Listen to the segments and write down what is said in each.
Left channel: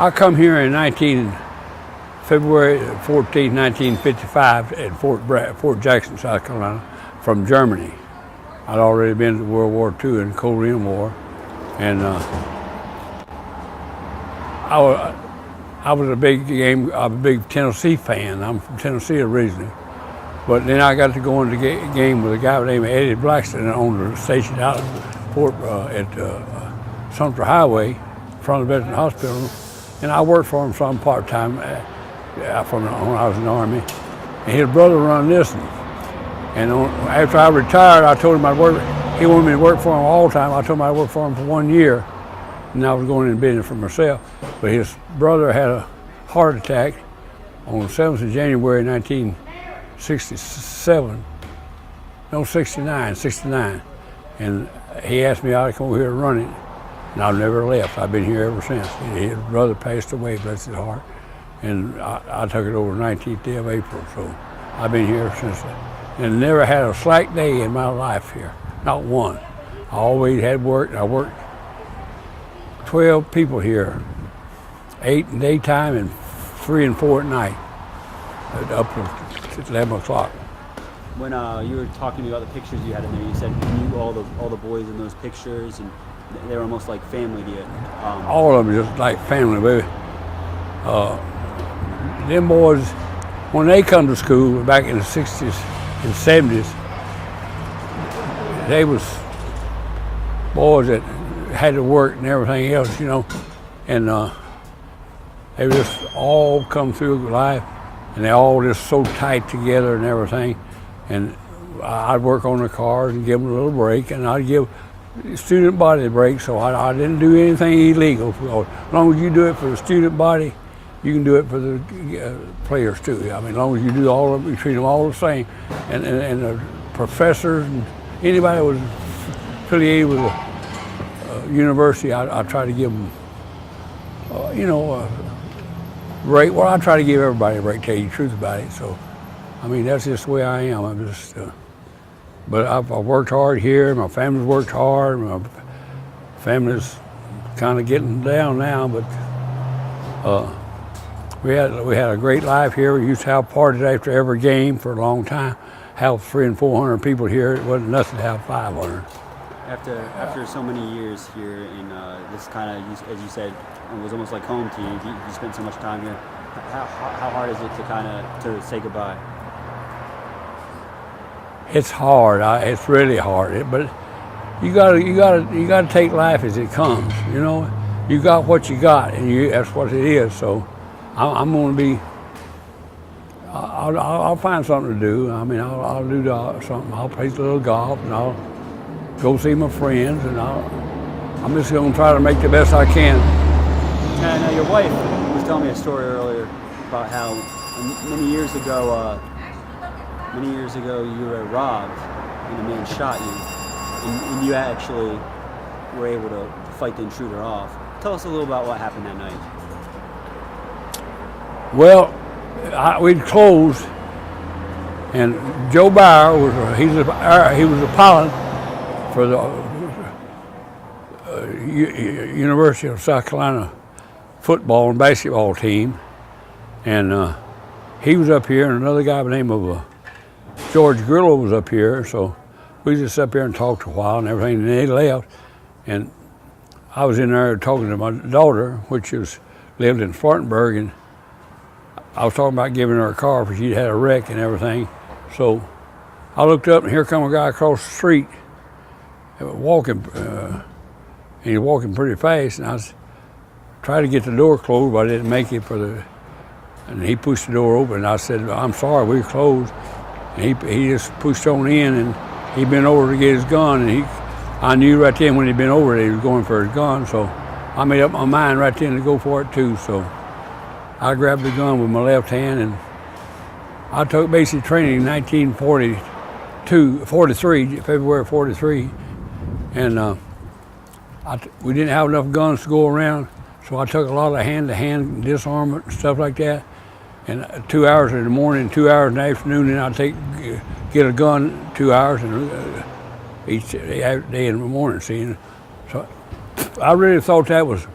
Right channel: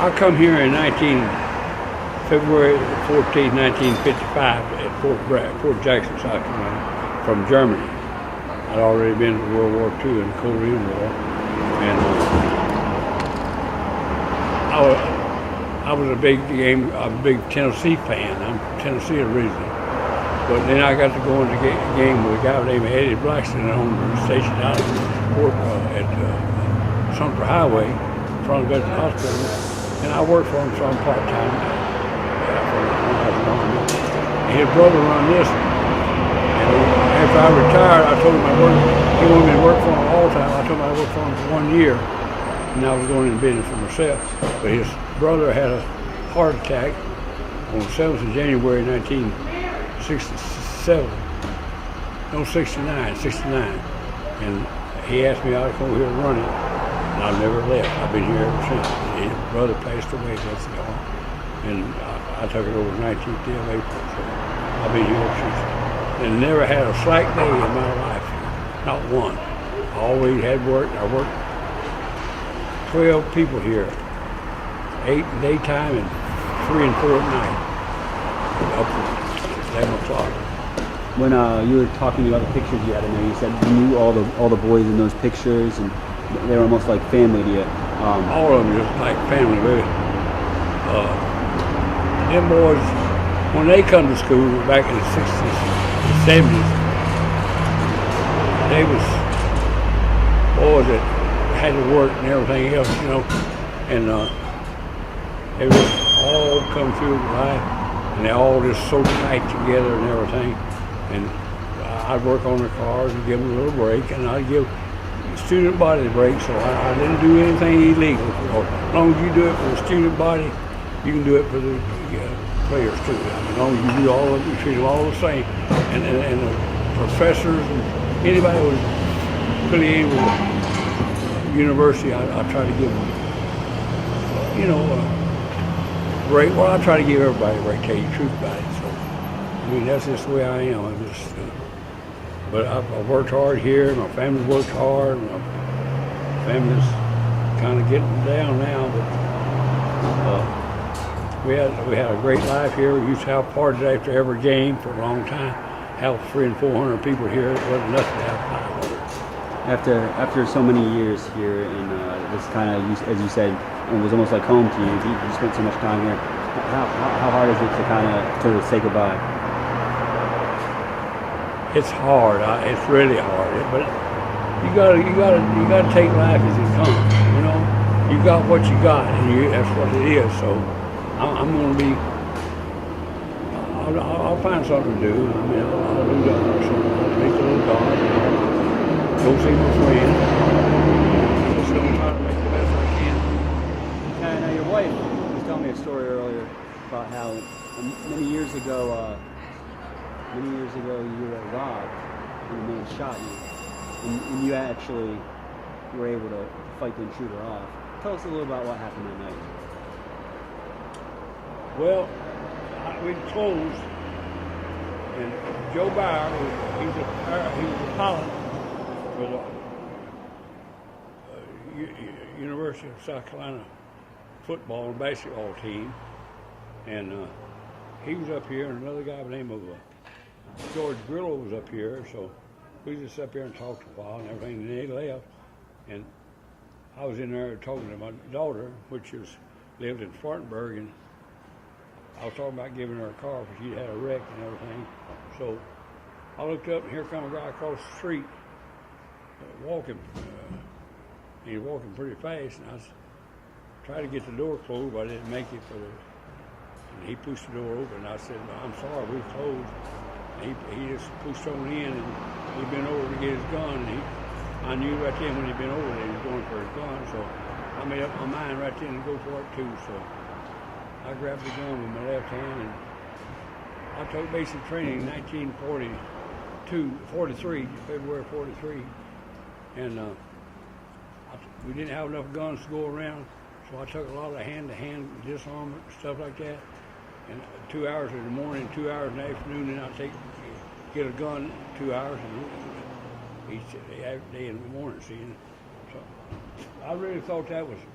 I come here in February 14, 1955 at Fort Jackson, South Carolina, from Germany. I'd already been to World War II and Korean War, and I was a big Tennessee fan. I'm from Tennessee originally, but then I got to go in the game with a guy named Eddie Blackston, that owned a station out at Sumter Highway, in front of the Veterans Hospital, and I worked for him some part-time when I was in the Army. And his brother run this, and after I retired, I told him I'd work. He wanted me to work for him all the time. I told him I'd work for him for 1 year, and I was going into business for myself. But his brother had a heart attack on the 7th of January 1967. No, 69. And he asked me out to come over here and run it, and I've never left. I've been here ever since. His brother passed away, bless his heart, and I took it over 19th day of April, so I've been here since. And never had a slack day in my life here, not one. I always had work. I worked 12 people here, 8 in daytime and 3 and 4 at night, up to 11 o'clock. When you were talking about the pictures you had in there, you said you knew all the boys in those pictures, and they were almost like family to you. All of them just like family, baby. Them boys, when they come to school back in the 60s and 70s, they was boys that had to work and everything else, and they just all come through life, and they all just so tight together and everything. And I'd work on their cars and give them a little break, and I'd give student body a break, so I didn't do anything illegal. As long as you do it for the student body, you can do it for the players too. I mean, as long as you do all of it, you treat them all the same. And the professors, anybody who was affiliated with the university, I try to give them, break. Well, I try to give everybody a break, tell you the truth about it. So, I mean, that's just the way I am. I'm just, but I've worked hard here. My family's worked hard. My family's kind of getting down now, but we had a great life here. We used to have parties after every game for a long time. Have 300 and 400 people here. It wasn't nothing to have 500. After so many years here, and this kind of, as you said, it was almost like home to you. You spent so much time here. How hard is it to kind of sort of say goodbye? It's hard. It's really hard. But you gotta take life as it comes. You got what you got, and that's what it is. So I'm gonna be. I'll find something to do. I mean, I'll do something. I'll take a little golf, and I'll go see my friend. I'm just gonna try to make the best I can. Now your wife was telling me a story earlier about how many years ago you were robbed and a man shot you, and you actually were able to fight the intruder off. Tell us a little about what happened that night. Well, we'd closed, and Joe Bauer he was a pilot for the University of South Carolina football and basketball team, and he was up here, and another guy by the name of George Grillo was up here, so we just up here and talked a while and everything, and they left, and I was in there talking to my daughter, which lived in Spartanburg, and I was talking about giving her a car because she'd had a wreck and everything. So I looked up, and here come a guy across the street walking, and he was walking pretty fast, and I was trying to get the door closed, but I didn't make it and he pushed the door open, and I said, "I'm sorry, we're closed." And he just pushed on in, and he bent over to get his gun, and I knew right then when he bent over that he was going for his gun, so I made up my mind right then to go for it too. So I grabbed the gun with my left hand, and I took basic training in 1943, February 43, and we didn't have enough guns to go around, so I took a lot of hand-to-hand disarmament and stuff like that. And 2 hours in the morning, 2 hours in the afternoon, and I'd get a gun 2 hours and each day in the morning, see. So I really thought that was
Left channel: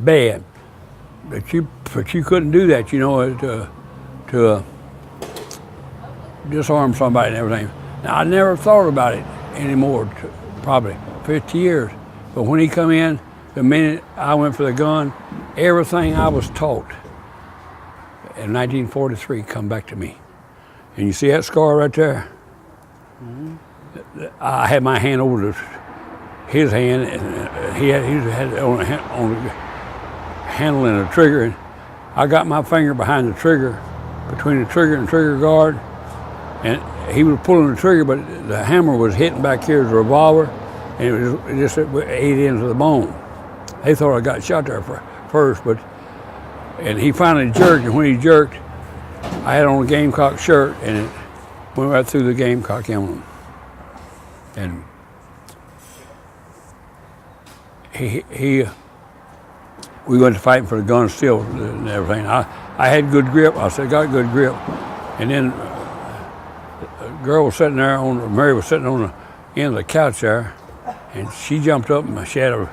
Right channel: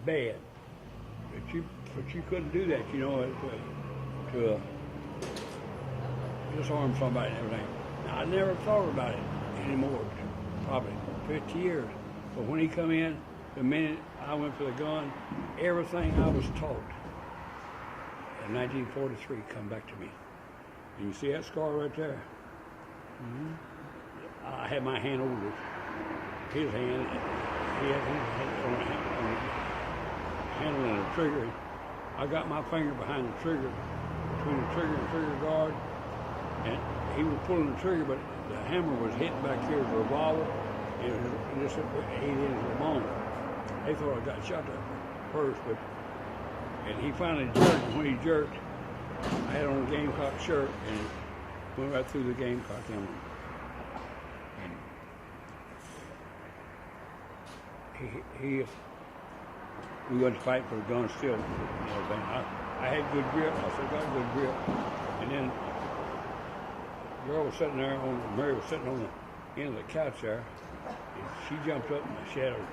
bad. but you couldn't do that, to disarm somebody and everything. Now, I never thought about it anymore, probably 50 years. But when he come in, the minute I went for the gun, everything I was taught in 1943 come back to me. And you see that scar right there? Mm-hmm. I had my hand over his hand, and he had on handling the trigger. And I got my finger behind the trigger, between the trigger and trigger guard, and he was pulling the trigger, but the hammer was hitting back here as a revolver, and it just ate into the bone. They thought I got shot there first, and he finally jerked, and when he jerked, I had on a Gamecock shirt, and it went right through the Gamecock emblem. And we went to fighting for the gun still and everything. I had good grip. I said, got good grip. And then a girl was sitting there, Mary was sitting on the end of the couch there, and she jumped up and she had a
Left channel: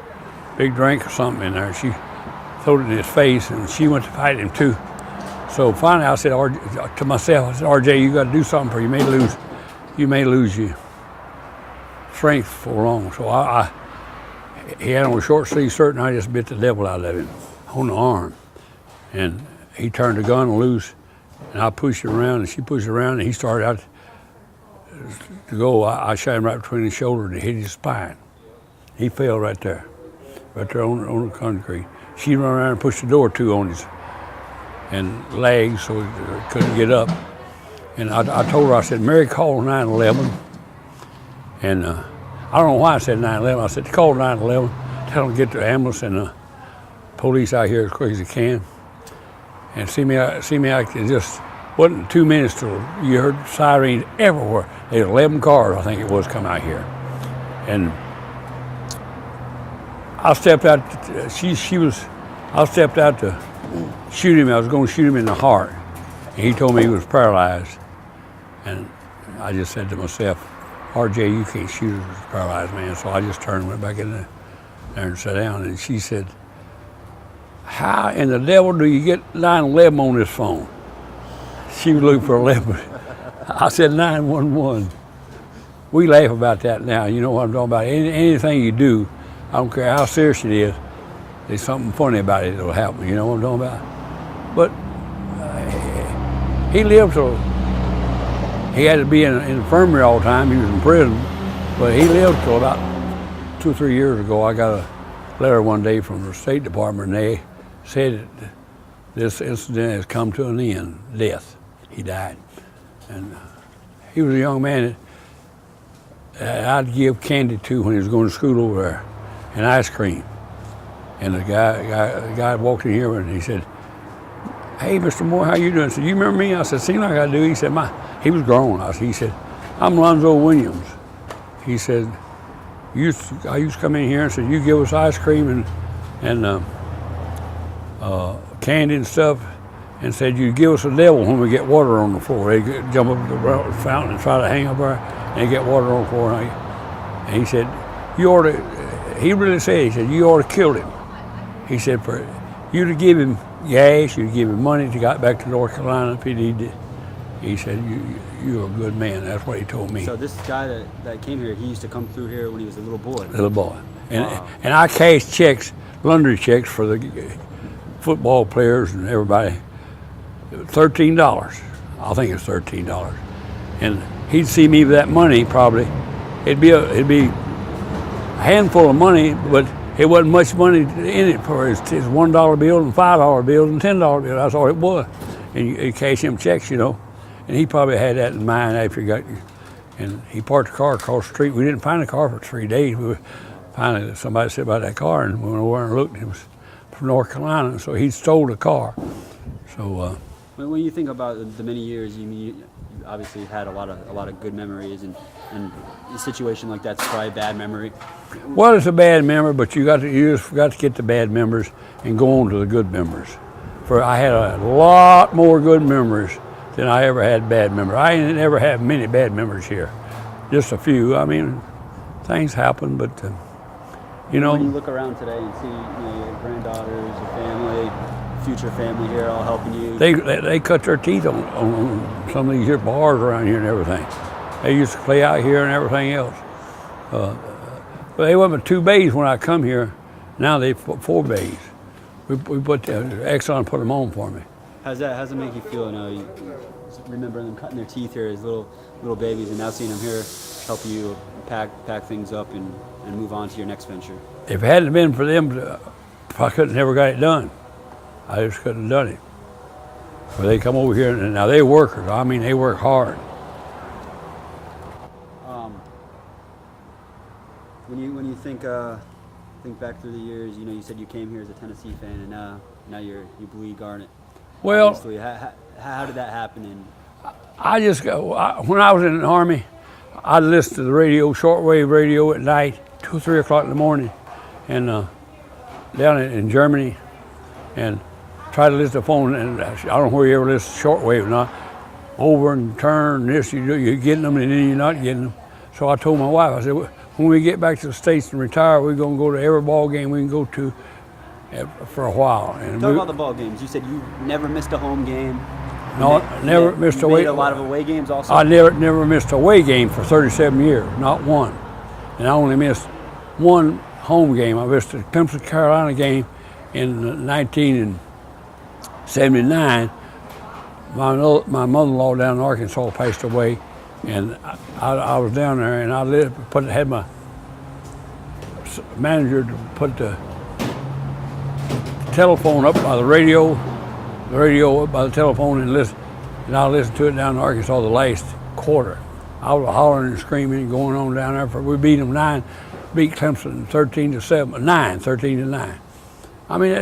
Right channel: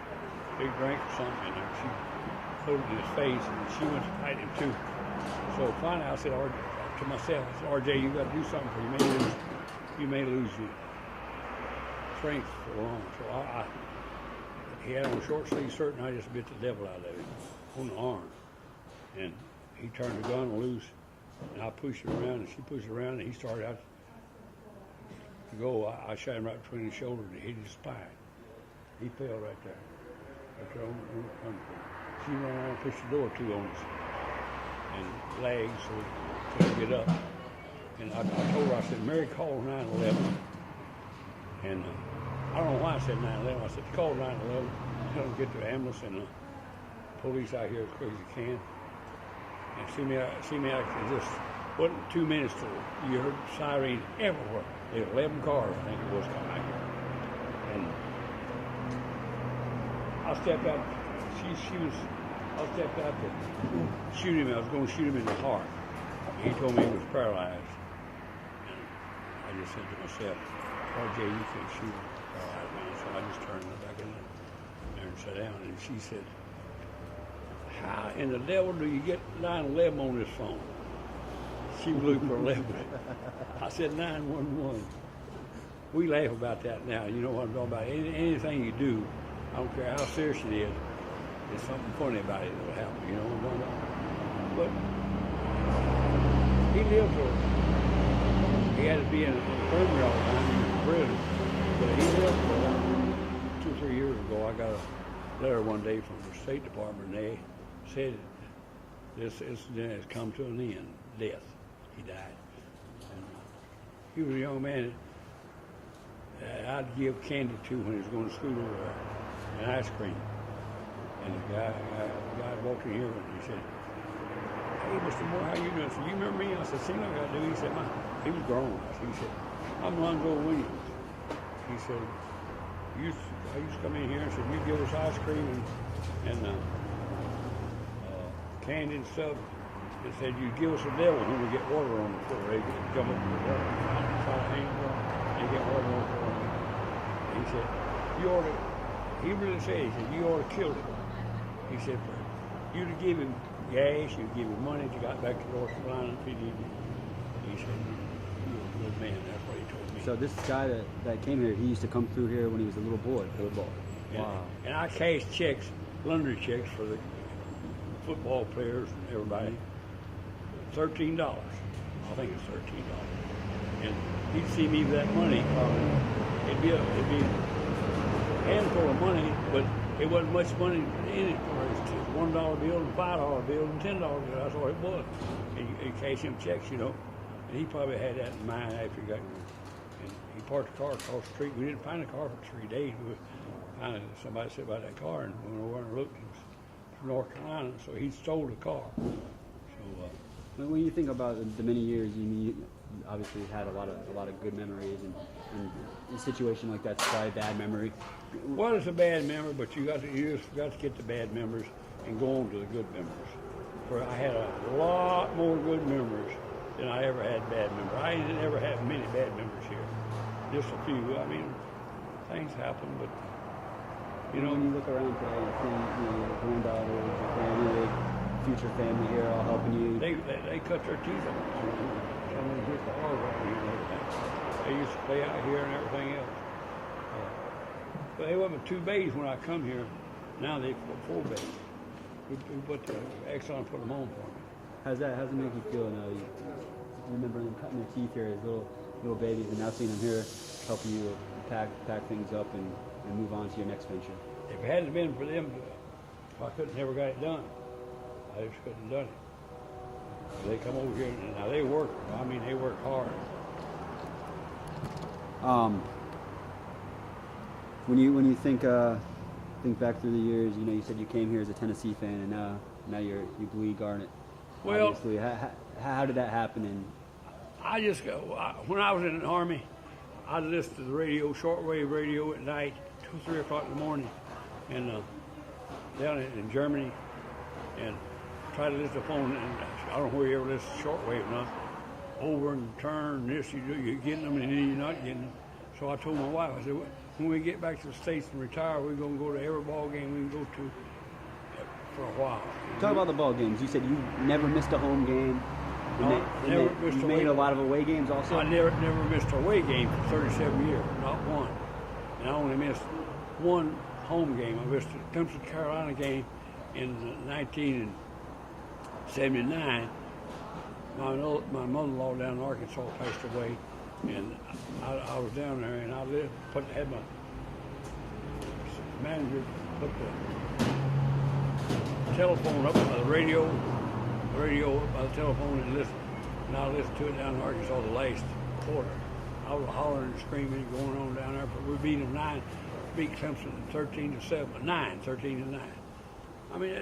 big drink or something in there. She threw it in his face, and she went to fight him too. So finally I said to myself, I said, RJ, you got to do something, for you may lose your strength for long. So he had on a short sleeve shirt, and I just bit the devil out of him on the arm. And he turned the gun loose, and I pushed it around, and she pushed it around, and he started out to go. I shot him right between his shoulder and hit his spine. He fell right there on the concrete. She ran around and pushed the door to on his and legs, so he couldn't get up. And I told her, I said, Mary, call 911. And I don't know why I said 911. I said, call 911, tell them to get the ambulance and the police out here as quick as they can. And see me, it just wasn't 2 minutes till you heard sirens everywhere. There were 11 cars, I think it was, come out here. And I stepped out, I stepped out to shoot him. I was going to shoot him in the heart. And he told me he was paralyzed. And I just said to myself, RJ, you can't shoot him as a paralyzed man. So I just turned and went back in there and sat down. And she said, how in the devil do you get 911 on this phone? She was looking for 11. I said 911. We laugh about that now. You know what I'm talking about. Anything you do, I don't care how serious it is, there's something funny about it that'll happen. You know what I'm talking about? But he lived till, he had to be in an infirmary all the time. He was in prison, but he lived till about 2 or 3 years ago. I got a letter one day from the State Department, and they said that this incident has come to an end, death. He died. And he was a young man that I'd give candy to when he was going to school over there, and ice cream. And the guy walked in here and he said, hey, Mr. Moore, how you doing? I said, you remember me? I said, seems like I do. He said, he was grown. He said, I'm Lonzo Williams. He said, I used to come in here and said, you give us ice cream and candy and stuff, and said, you give us a devil when we get water on the floor. They'd jump up to the fountain and try to hang up there, and they'd get water on the floor. And he said, you ought to, he really said, he said, you ought to kill him. He said, for you to give him gas, you to give him money to get back to North Carolina if he needed it. He said, you're a good man. That's what he told me. So this guy that came here, he used to come through here when he was a little boy? Little boy. And, wow. And I cashed checks, laundry checks for the football players and everybody. $13. I think it's $13. And he'd see me with that money probably. It'd be a handful of money, but it wasn't much money in it for his $1 bill and $5 bills and $10 bills. That's all it was. And you cash him checks, you know. And he probably had that in mind after he got, and he parked the car across the street. We didn't find the car for 3 days. Finally, somebody said about that car, and we went over and looked, and it was from North Carolina, so he stole the car. So. When you think about the many years, you obviously had a lot of good memories, and a situation like that's probably a bad memory. Well, it's a bad memory, but you just got to get the bad memories and go on to the good memories. For I had a lot more good memories than I ever had bad memories. I didn't ever have many bad memories here, just a few. I mean, things happen, but you know. When you look around today and see your granddaughters, your family, future family here all helping you? They cut their teeth on some of these here bars around here and everything. They used to play out here and everything else. But they went with 2 bays when I come here. Now they put 4 bays. We put Exxon put them on for me. How's it make you feel now? You remember them cutting their teeth here as little babies, and now seeing them here help you pack things up and move on to your next venture. If it hadn't been for them, I could have never got it done. I just couldn't have done it. But they come over here, and now they're workers. I mean, they work hard. When you think back through the years, you said you came here as a Tennessee fan, and now you bleed Garnet. Well, obviously, how did that happen? And when I was in the Army, I'd listen to the radio, shortwave radio at night, 2 or 3 o'clock in the morning, and down in Germany, and try to listen to the phone. And I don't know where you ever listen to shortwave or not. Over and turn, this, you're getting them, and then you're not getting them. So I told my wife, I said, when we get back to the States and retire, we're going to go to every ball game we can go to for a while. And talk about the ball games. You said you never missed a home game. No, never missed a away. You made a lot of away games also? I never missed a away game for 37 years, not one. And I only missed 1 home game. I missed the Clemson, Carolina game in 1979. My mother-in-law down in Arkansas passed away, and I was down there, and I had my manager to put the telephone up by the radio up by the telephone, and I listened to it down in Arkansas the last quarter. I was hollering and screaming and going on down there. We beat Clemson 13-9. I mean,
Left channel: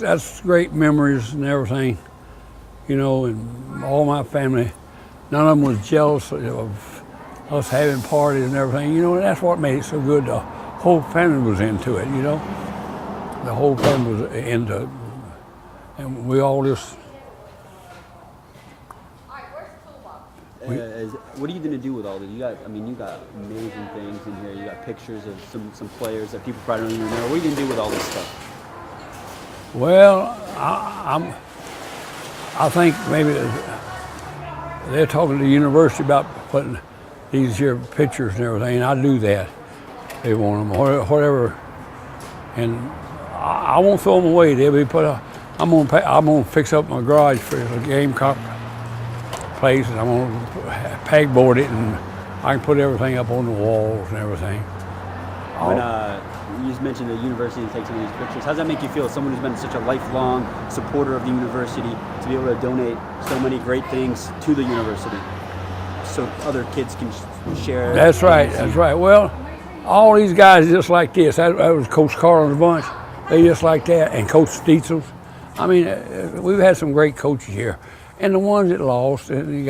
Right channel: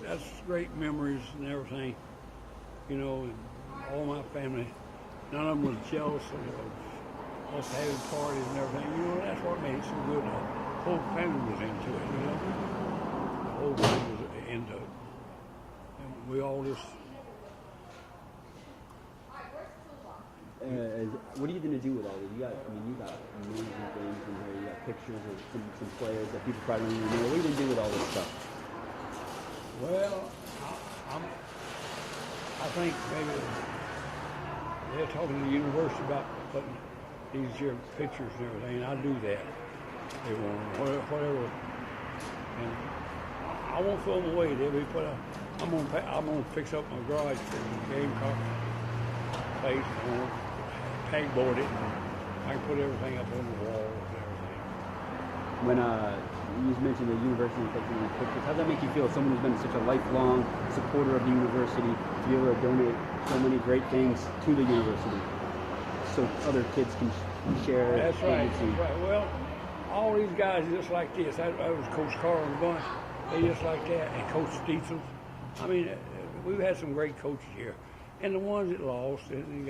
that's great memories and everything, and all my family, none of them was jealous of us having parties and everything, and that's what made it so good. The whole family was into it, The whole family was into it. And we all just... what are you going to do with all this? You got amazing things in here. You got pictures of some players that people probably don't even know. What are you going to do with all this stuff? Well, I think maybe they're talking to the university about putting these here pictures and everything, and I do that. They want them, whatever. And I won't throw them away. They'll be put up. I'm gonna fix up my garage for the Gamecock place, and I'm gonna pegboard it, and I can put everything up on the walls and everything. When you just mentioned the university and take some of these pictures, how does that make you feel, as someone who's been such a lifelong supporter of the university, to be able to donate so many great things to the university so other kids can share? That's right. Well, all these guys just like this. That was Coach Carlin's bunch. They just like that, and Coach Steitzel's. I mean, we've had some great coaches here, and the ones that lost and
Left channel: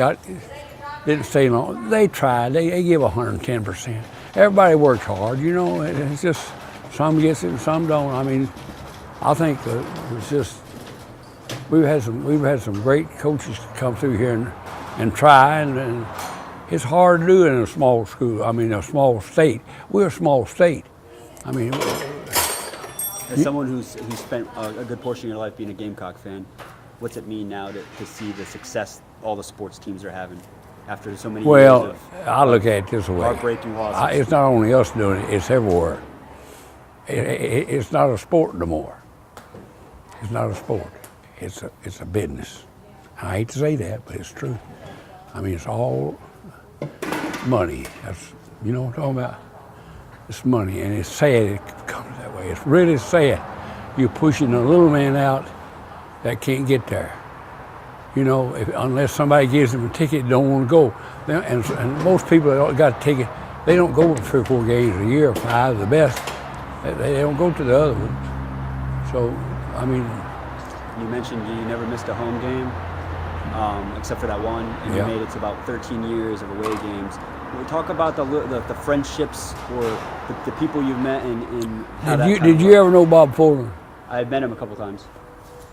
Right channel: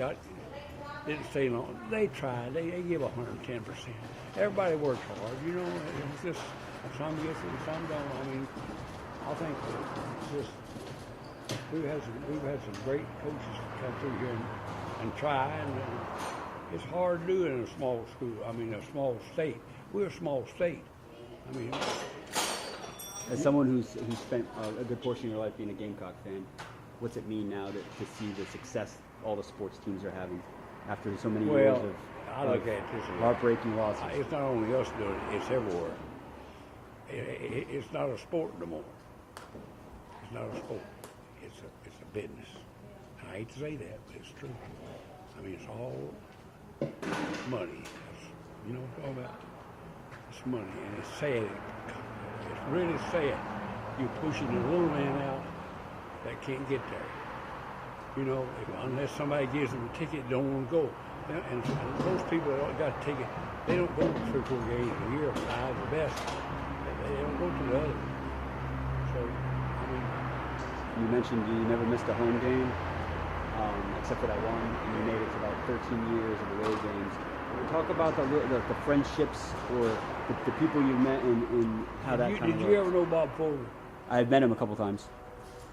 didn't stay long. They tried. They give 110%. Everybody works hard, It's just some gets it and some don't. I mean, I think it's just we've had some great coaches come through here and try, and it's hard to do in a small school. I mean, a small state. We're a small state. I mean. As someone who's spent a good portion of your life being a Gamecock fan, what's it mean now to see the success all the sports teams are having after so many years of I look at it this way. Heartbreaking losses? It's not only us doing it, it's everywhere. It's not a sport no more. It's not a sport. It's a business. I hate to say that, but it's true. I mean, it's all money. That's, what I'm talking about? It's money, and it's sad it comes that way. It's really sad. You're pushing a little man out that can't get there. Unless somebody gives them a ticket, don't want to go. And most people that got a ticket, they don't go to 3 or 4 games a year, 5, the best. They don't go to the other ones. So, I mean. You mentioned you never missed a home game, except for that one, and you made it to about 13 years of away games. We'll talk about the friendships or the people you've met and how Did you ever know Bob Fuller? I met him a couple times.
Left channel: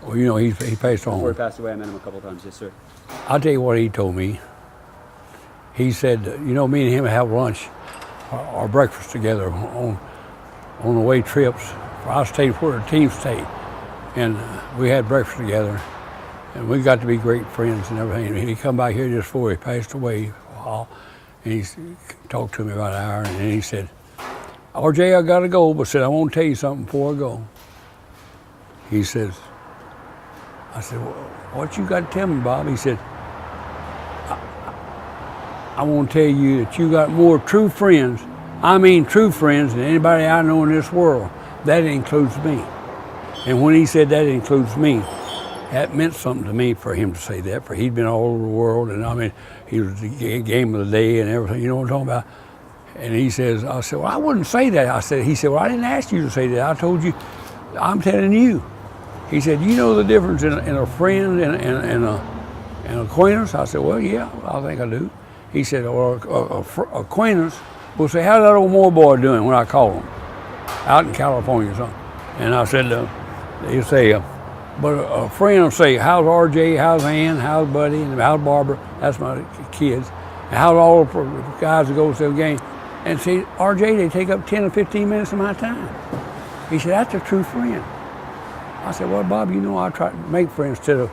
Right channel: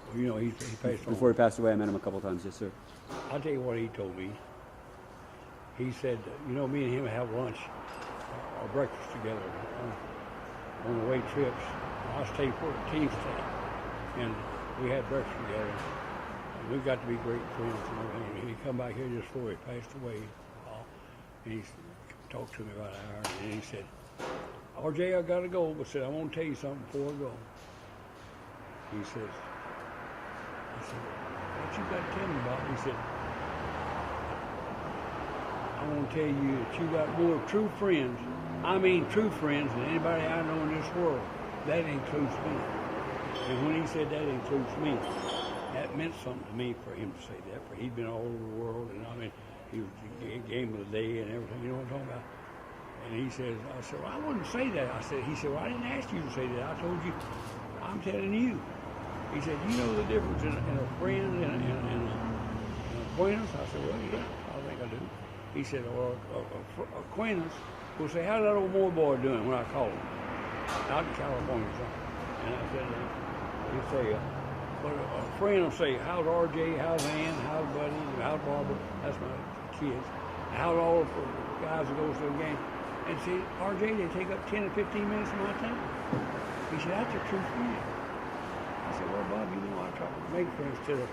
Well, he passed on. Before he passed away, I met him a couple times, yes, sir. I'll tell you what he told me. He said, me and him have lunch or breakfast together on away trips. I stayed where the team stayed. and we had breakfast together, and we got to be great friends and everything. And he come back here just before he passed away, and he talked to me about an hour, and then he said, "RJ, I gotta go, but said I want to tell you something before I go." He says, I said, "Well, what you got to tell me, Bob?" He said, I want to tell you that you got more true friends, I mean true friends, than anybody I know in this world. That includes me. And when he said that includes me, that meant something to me for him to say that, for he'd been all over the world, and I mean, he was the game of the day and everything, you know what I'm talking about? And he says, I said, well, I wouldn't say that. He said, well, I didn't ask you to say that. I told you, I'm telling you. He said, you know the difference in a friend and an acquaintance? I said, well, yeah, I think I do. He said, well, acquaintance will say, how's that old Moore boy doing when I call him? Out in California or something. And I said, he'll say, but a friend will say, how's RJ, how's Ann, how's Buddy, and how's Barbara? That's my kids. And how's all the guys that go to the game? And see, RJ, they take up 10 or 15 minutes of my time. He said, that's a true friend. I said, well, Bob, you know I try to make friends instead of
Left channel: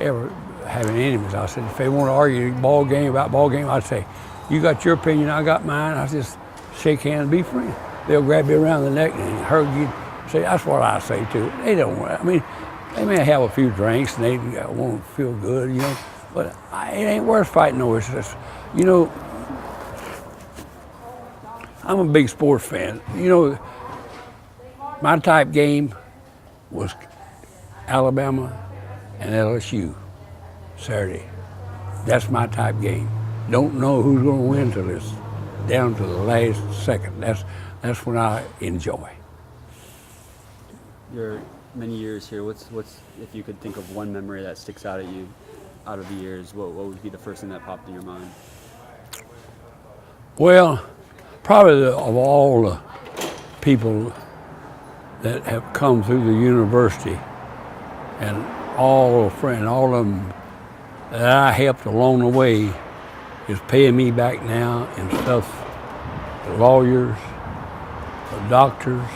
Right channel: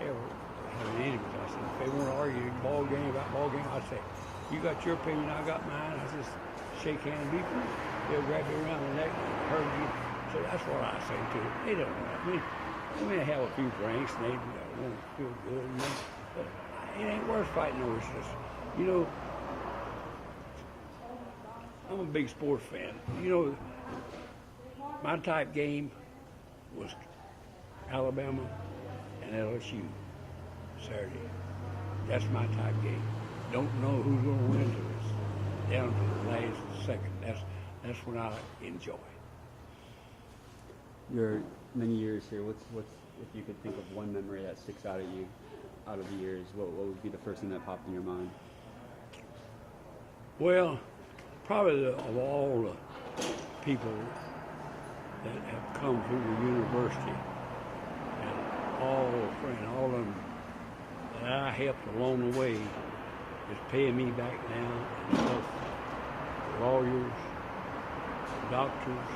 ever having enemies. I said, if they want to argue ball game, I'd say, you got your opinion, I got mine. I just shake hands and be friends. They'll grab you around the neck and hug you. Say, that's what I say too. They don't want, I mean, they may have a few drinks and they want to feel good, you know, but it ain't worth fighting over. It's just, you know, I'm a big sports fan. You know, my type game was Alabama and LSU Saturday. That's my type game. Don't know who's going to win till it's down to the last second. That's when I enjoy. Your many years here, what's if you could think of one memory that sticks out at you out of the years, what would be the first thing that popped in your mind? Well, probably of all the people that have come through the university and all the friends, all of them that I helped along the way is paying me back now and stuff, the lawyers, the doctors,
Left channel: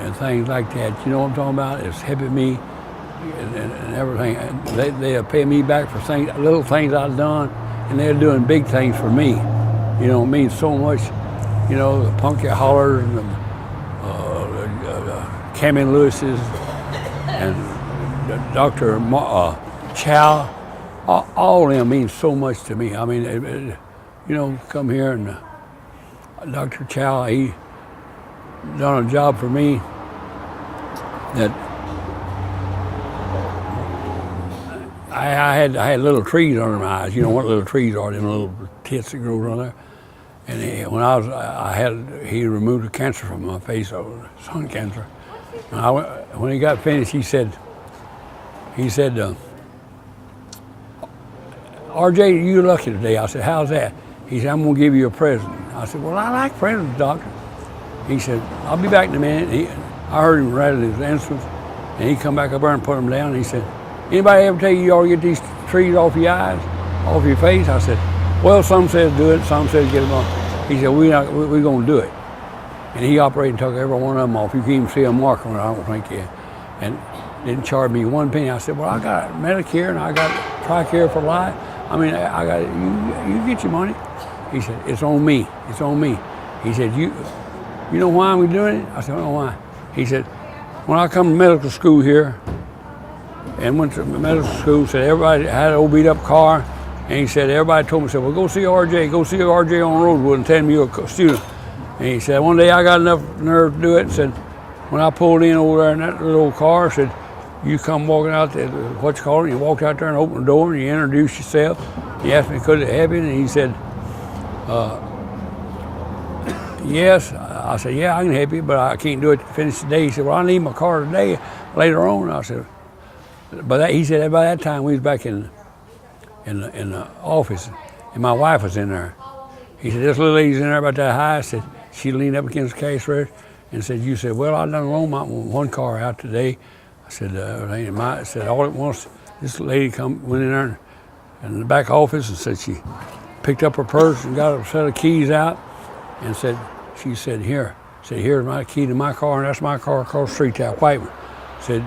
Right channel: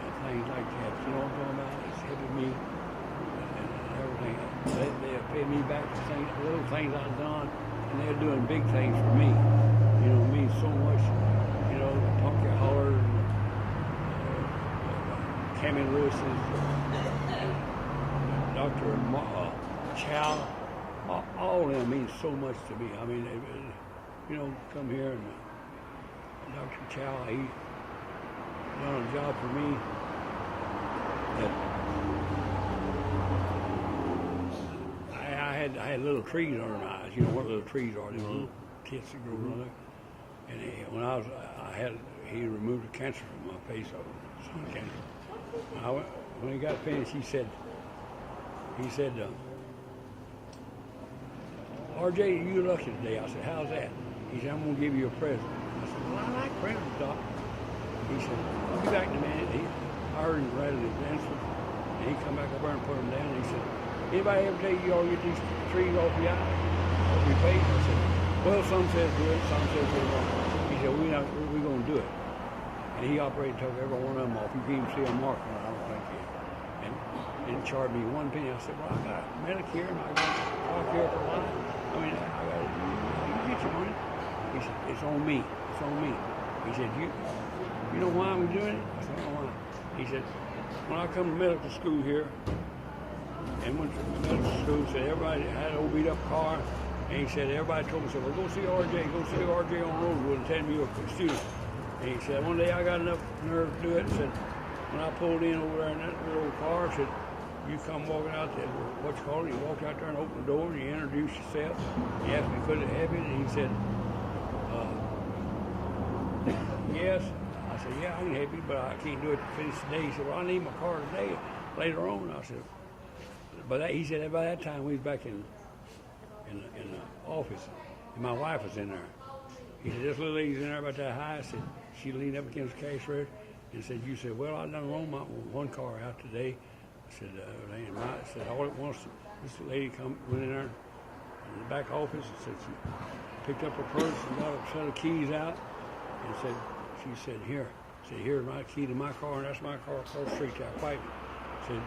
and things like that. You know what I'm talking about? It's helping me and everything. They are paying me back for things, little things I've done, and they're doing big things for me. You know, it means so much. You know, the Punky Hollers and the Cammy Lewis's and Dr. Chow, all of them mean so much to me. I mean, you know, come here and Dr. Chow, he done a job for me that I had little trees under my eyes. You know what little trees are? Them little tits that grow on there. And he removed the cancer from my face, sun cancer. And when he got finished, he said, RJ, you're lucky today. I said, how's that? He said, I'm gonna give you a present. I said, well, I like presents, doctor. He said, I'll be back in a minute. I heard him rattle his instruments, and he come back up there and put them down, and he said, anybody ever tell you ought to get these trees off your eyes, off your face? I said, well, some says do it, some says get them off. He said, we're gonna do it. And he operated and took every one of them off. You can even see a mark on it, I don't think yet. And didn't charge me one penny. I said, well, I got Medicare and I got TRICARE for life. I mean, I got you get your money. He said, it's on me, it's on me. He said, you know why I'm doing it? I said, I don't know why. He said, when I come to medical school here, and went to medical school, said everybody had an old beat up car, and he said, everybody told me, said, well, go see RJ on Rosewood and tell him you're a student. And he said, one day I got enough nerve to do it, and said, when I pulled in over there in that little old car, said, you come walking out there, what you call it, you walked out there and opened the door and you introduced yourself. He asked me, could it help you? And he said, yes. I said, yeah, I can help you, but I can't do it to finish the day. He said, well, I need my car today, later on. I said, but he said, by that time we was back in the office, and my wife was in there. He said, this little lady's in there about that high. I said, she leaned up against the cash register and said, you said, well, I done loaned my one car out today. I said, I said, all at once, this lady went in there in the back office and said she picked up her purse and got a set of keys out and said, she said, here's my key to my car, and that's my car across the street, that white one. Said,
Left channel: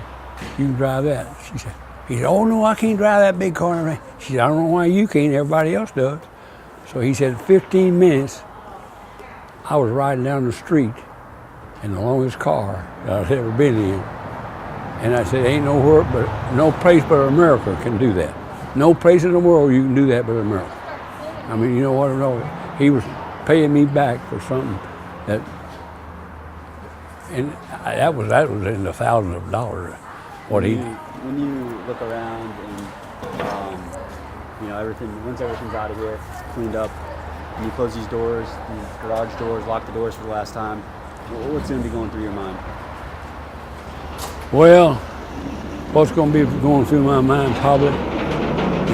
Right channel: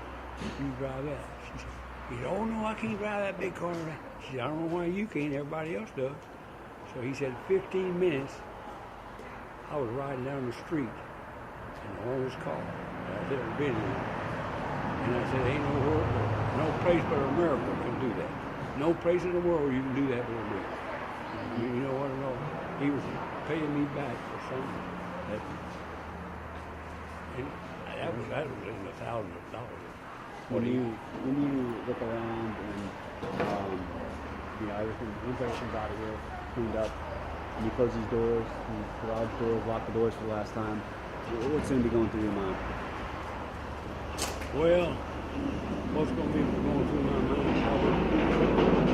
You can drive that. He said, oh no, I can't drive that big car. She said, I don't know why you can't, everybody else does. So he said, 15 minutes, I was riding down the street in the longest car that I've ever been in. And I said, ain't no place but America can do that. No place in the world you can do that but America. I mean, you know what? No, he was paying me back for something that, and that was in the thousands of dollars. When you look around and once everything's out of here, it's cleaned up, and you close these doors, these garage doors, lock the doors for the last time, what's going to be going through your mind? Well, what's going to be going through my mind probably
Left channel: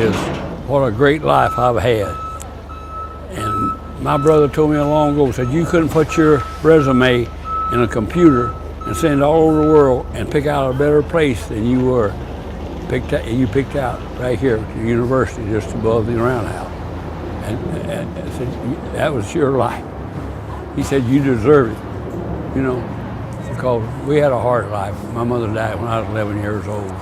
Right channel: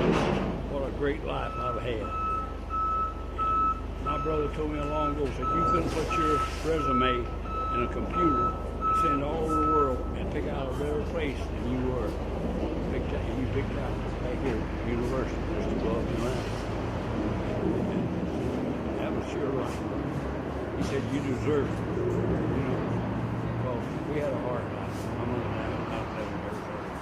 is what a great life I've had. And my brother told me long ago, said you couldn't put your resume in a computer and send it all over the world and pick out a better place than you were. You picked out right here at the university just above the roundhouse. And I said, that was your life. He said, you deserve it, because we had a hard life. My mother died when I was 11 years old.